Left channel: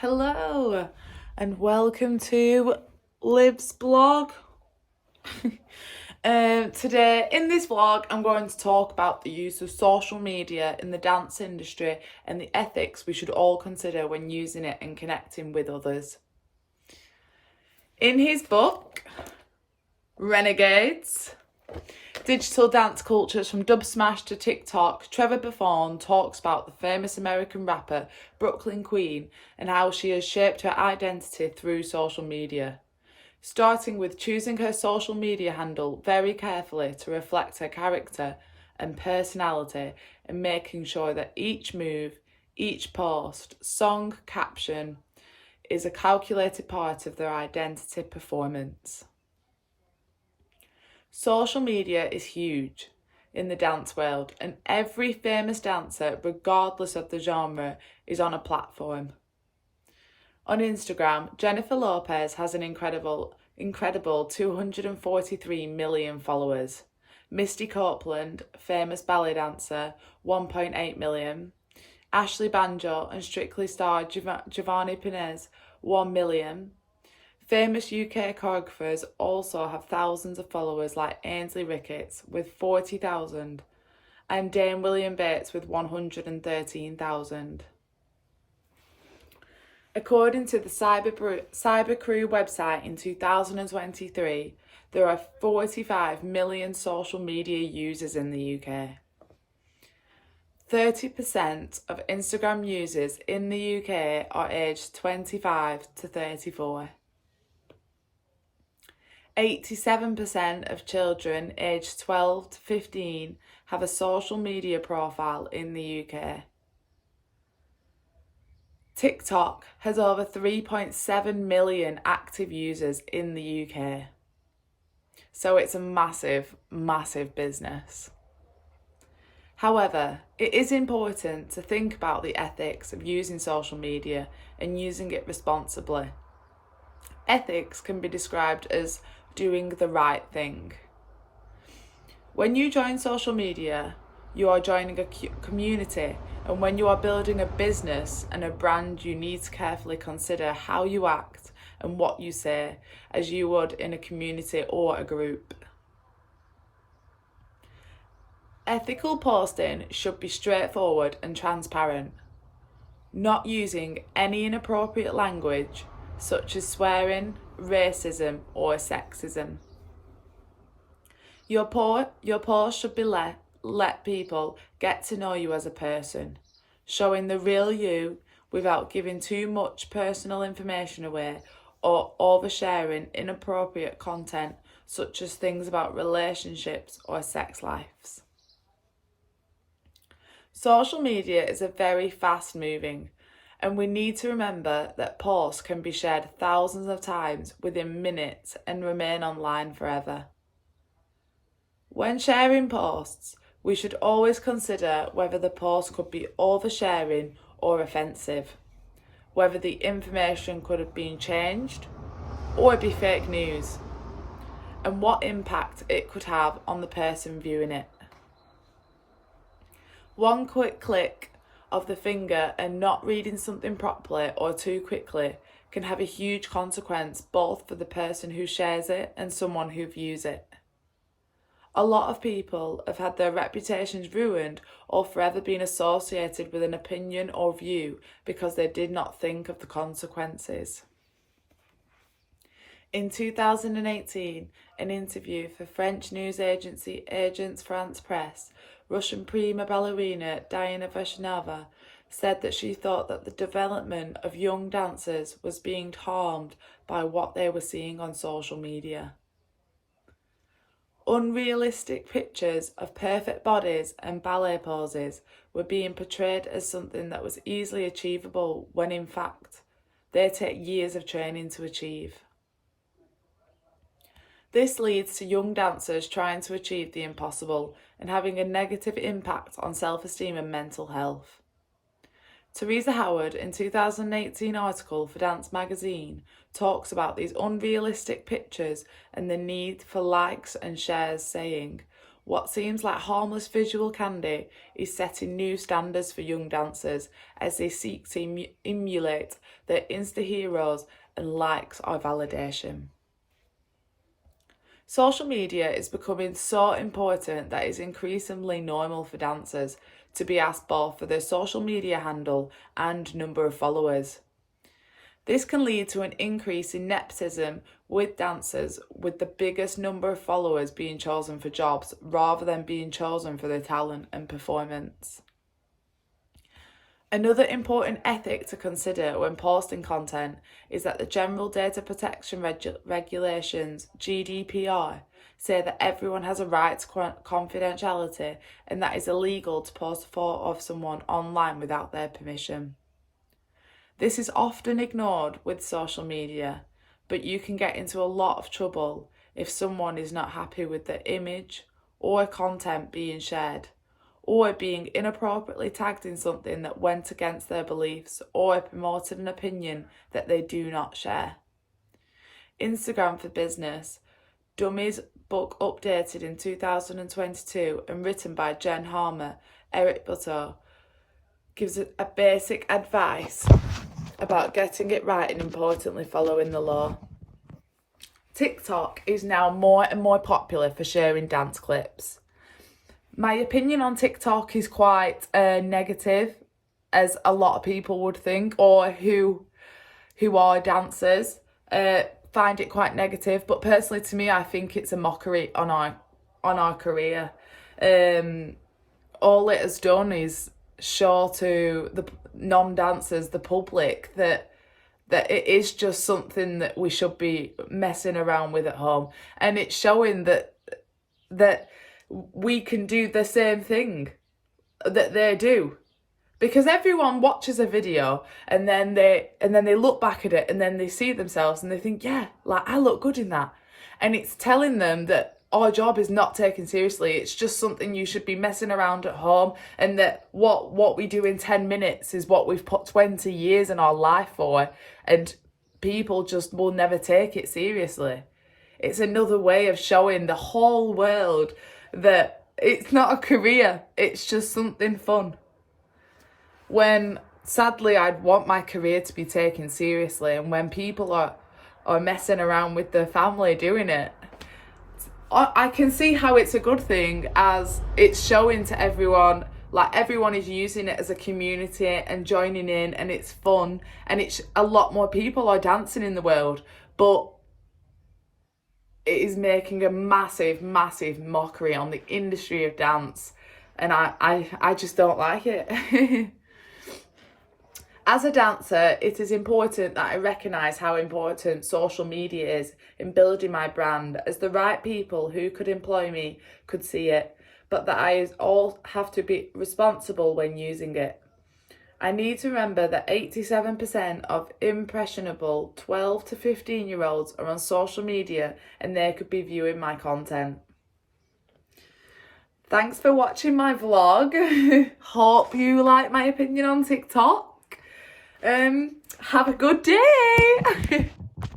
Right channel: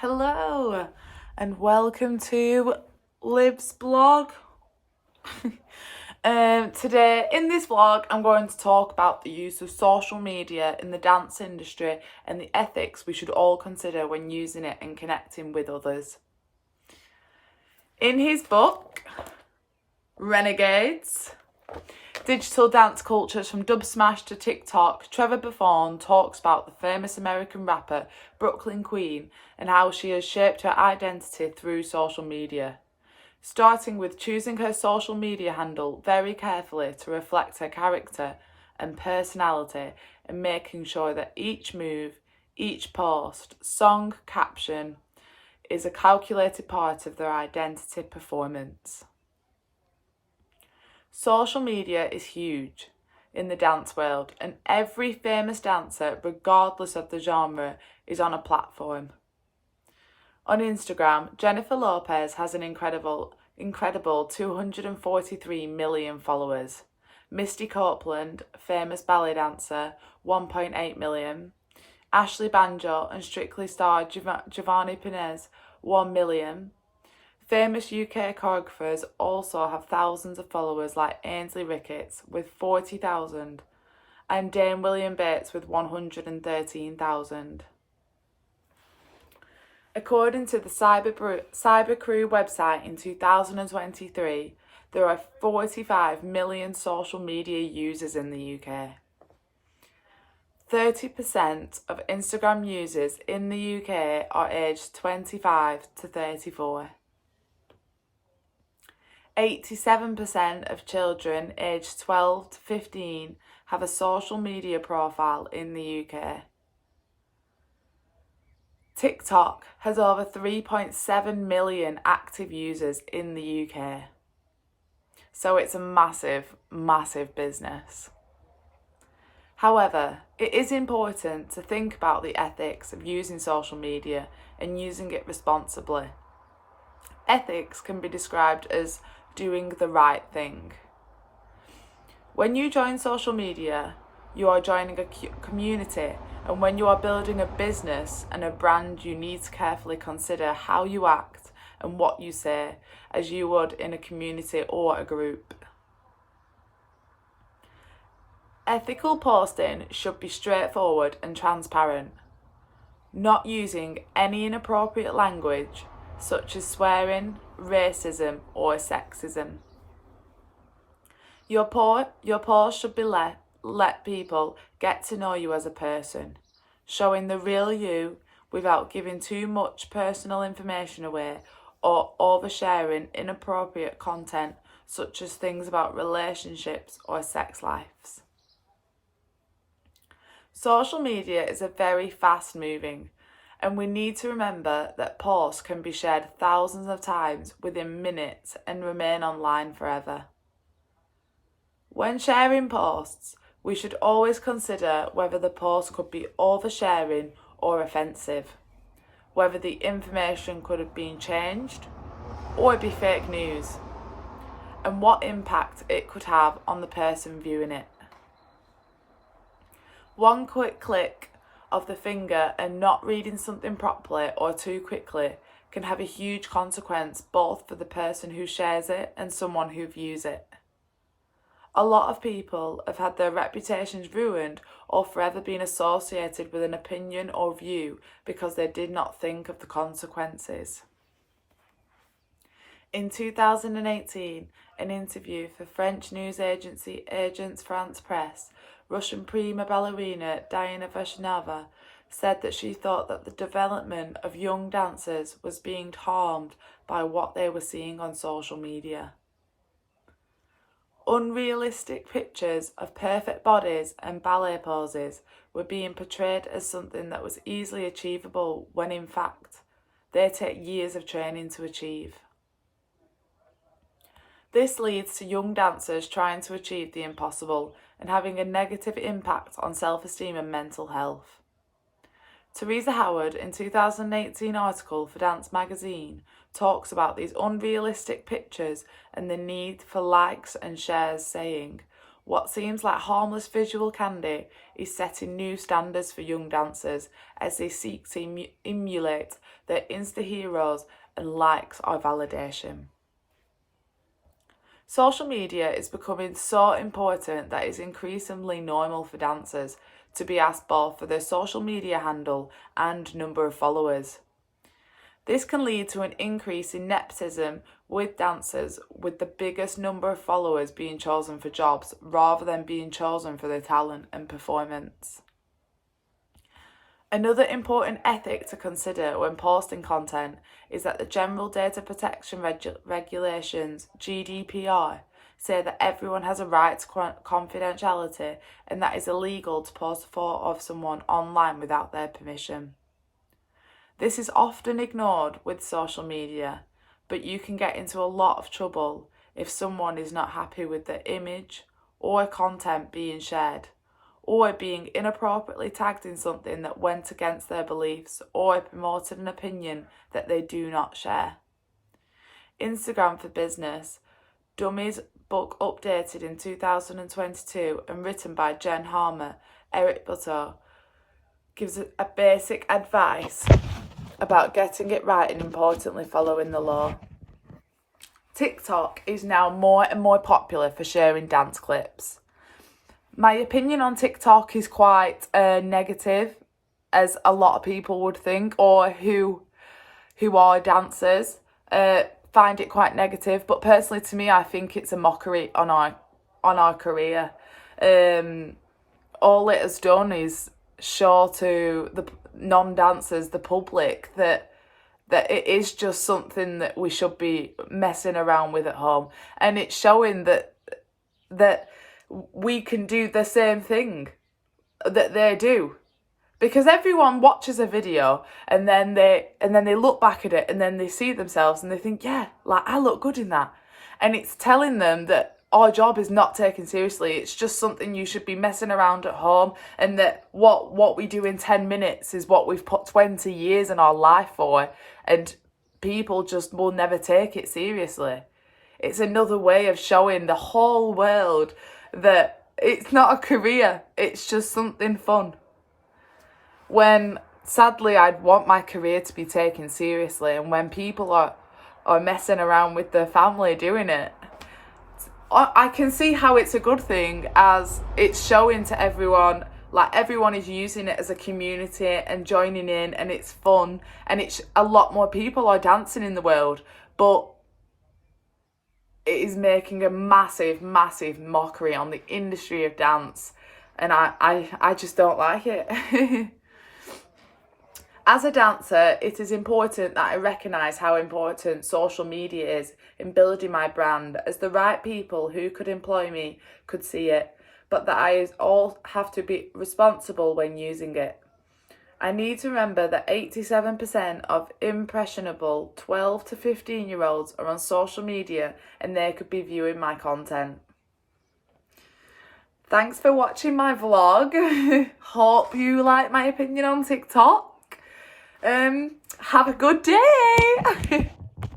Hello and welcome to Liv's blog. Today in this vlog I'm going to talk about the use of social media in the dance industry and the ethics we should all consider when using it and connecting with others. In his book, Renegades, Digital Dance Cultures from Dub Smash to TikTok, Trevor Buffon talks about the famous American rapper Brooklyn Queen and how she has shaped her identity through social media, starting with choosing her social media handle very carefully to reflect her character and personality and making sure that each move, each post, song, caption is a calculated part of their identity performance. Social media is huge in the dance world, and every famous dancer, regardless of the genre, is on a platform. On Instagram, Jennifer Lopez has an incredible 243 million followers. Misty Copeland, famous ballet dancer, 1.8 million. Ashley Banjo and Strictly star Giovanni Perez, 1 million. Famous UK choreographers also have thousands of followers like Ainsley Ricketts with 40,000 and Dame William Bates with 113,000. According to the Cyber Crew website in 2023, there are 45 million social media users in the UK. 30% of Instagram users in the UK are aged 25 to 34. 87% of children aged 12 to 15 have a social media profile in the UK. TikTok has over 3.7 million active users in the UK. So it's a massive, massive business. However, it is important to think about the ethics of using social media and using it responsibly. Ethics can be described as doing the right thing. When you join social media, you are joining a community, and when you are building a business and a brand, you need to carefully consider how you act and what you say, as you would in a community or a group. Ethical posting should be straightforward and transparent, not using any inappropriate language such as swearing, racism or sexism. Your post should be let people get to know you as a person, showing the real you without giving too much personal information away or oversharing inappropriate content such as things about relationships or sex lives. Social media is a very fast-moving, and we need to remember that posts can be shared thousands of times within minutes and remain online forever. When sharing posts, we should always consider whether the post could be oversharing or offensive, whether the information could have been changed or be fake news, and what impact it could have on the person viewing it. One quick click of the finger and not reading something properly or too quickly can have a huge consequence both for the person who shares it and someone who views it. A lot of people have had their reputations ruined or forever been associated with an opinion or view because they did not think of the consequences. In 2018, an interview for French news agency Agence France Presse, Russian prima ballerina Diana Veshnava said that she thought that the development of young dancers was being harmed by what they were seeing on social media. Unrealistic pictures of perfect bodies and ballet poses were being portrayed as something that was easily achievable when in fact they take years of training to achieve. This leads to young dancers trying to achieve the impossible and having a negative impact on self-esteem and mental health. Teresa Howard, in 2018 article for Dance Magazine, talks about these unrealistic pictures and the need for likes and shares, saying, What seems like harmless visual candy is setting new standards for young dancers as they seek to emulate their Insta heroes and likes or validation. Social media is becoming so important that it's increasingly normal for dancers to be asked both for their social media handle and number of followers. This can lead to an increase in nepotism with dancers, with the biggest number of followers being chosen for jobs rather than being chosen for their talent and performance. Another important ethic to consider when posting content is that the General Data Protection Regulations, GDPR, say that everyone has a right to confidentiality and that it's illegal to post a photo of someone online without their permission. This is often ignored with social media, but you can get into a lot of trouble if someone is not happy with the image or content being shared, or being inappropriately tagged in something that went against their beliefs or promoted an opinion that they do not share. Instagram for Business, Dummy's book updated in 2022 and written by Jen Harmer, Eric Butto, gives a basic advice about getting it right and importantly following the law. TikTok is now more and more popular for sharing dance clips. My opinion on TikTok is quite negative, as a lot of people would think, or who are dancers find it quite negative. But personally, to me, I think it's a mockery on our career. All it has done is show to the non-dancers, the public, that it is just something that we should be messing around with at home, and it's showing that we can do the same thing that they do, because everyone watches a video and then they look back at it and then they see themselves and they think, yeah, like I look good in that, and it's telling them that our job is not taken seriously. It's just something you should be messing around at home, and that what we do in 10 minutes is what we've put 20 years in our life for, and people just will never take it seriously. It's another way of showing the whole world that it's not a career, it's just something fun. When sadly I'd want my career to be taken seriously, and when people are messing around with their family doing it, I can see how it's a good thing, as it's showing to everyone, like everyone is using it as a community and joining in, and it's fun, and it's a lot more people are dancing in the world, but it is making a massive mockery on the industry of dance, and I just don't like it. As a dancer, it is important that I recognise how important social media is in building my brand, as the right people who could employ me could see it, but that I all have to be responsible when using it. I need to remember that 87% of impressionable 12 to 15-year-olds are on social media and they could be viewing my content. Thanks for watching my vlog. Hope you like my opinion on TikTok. Have a good day.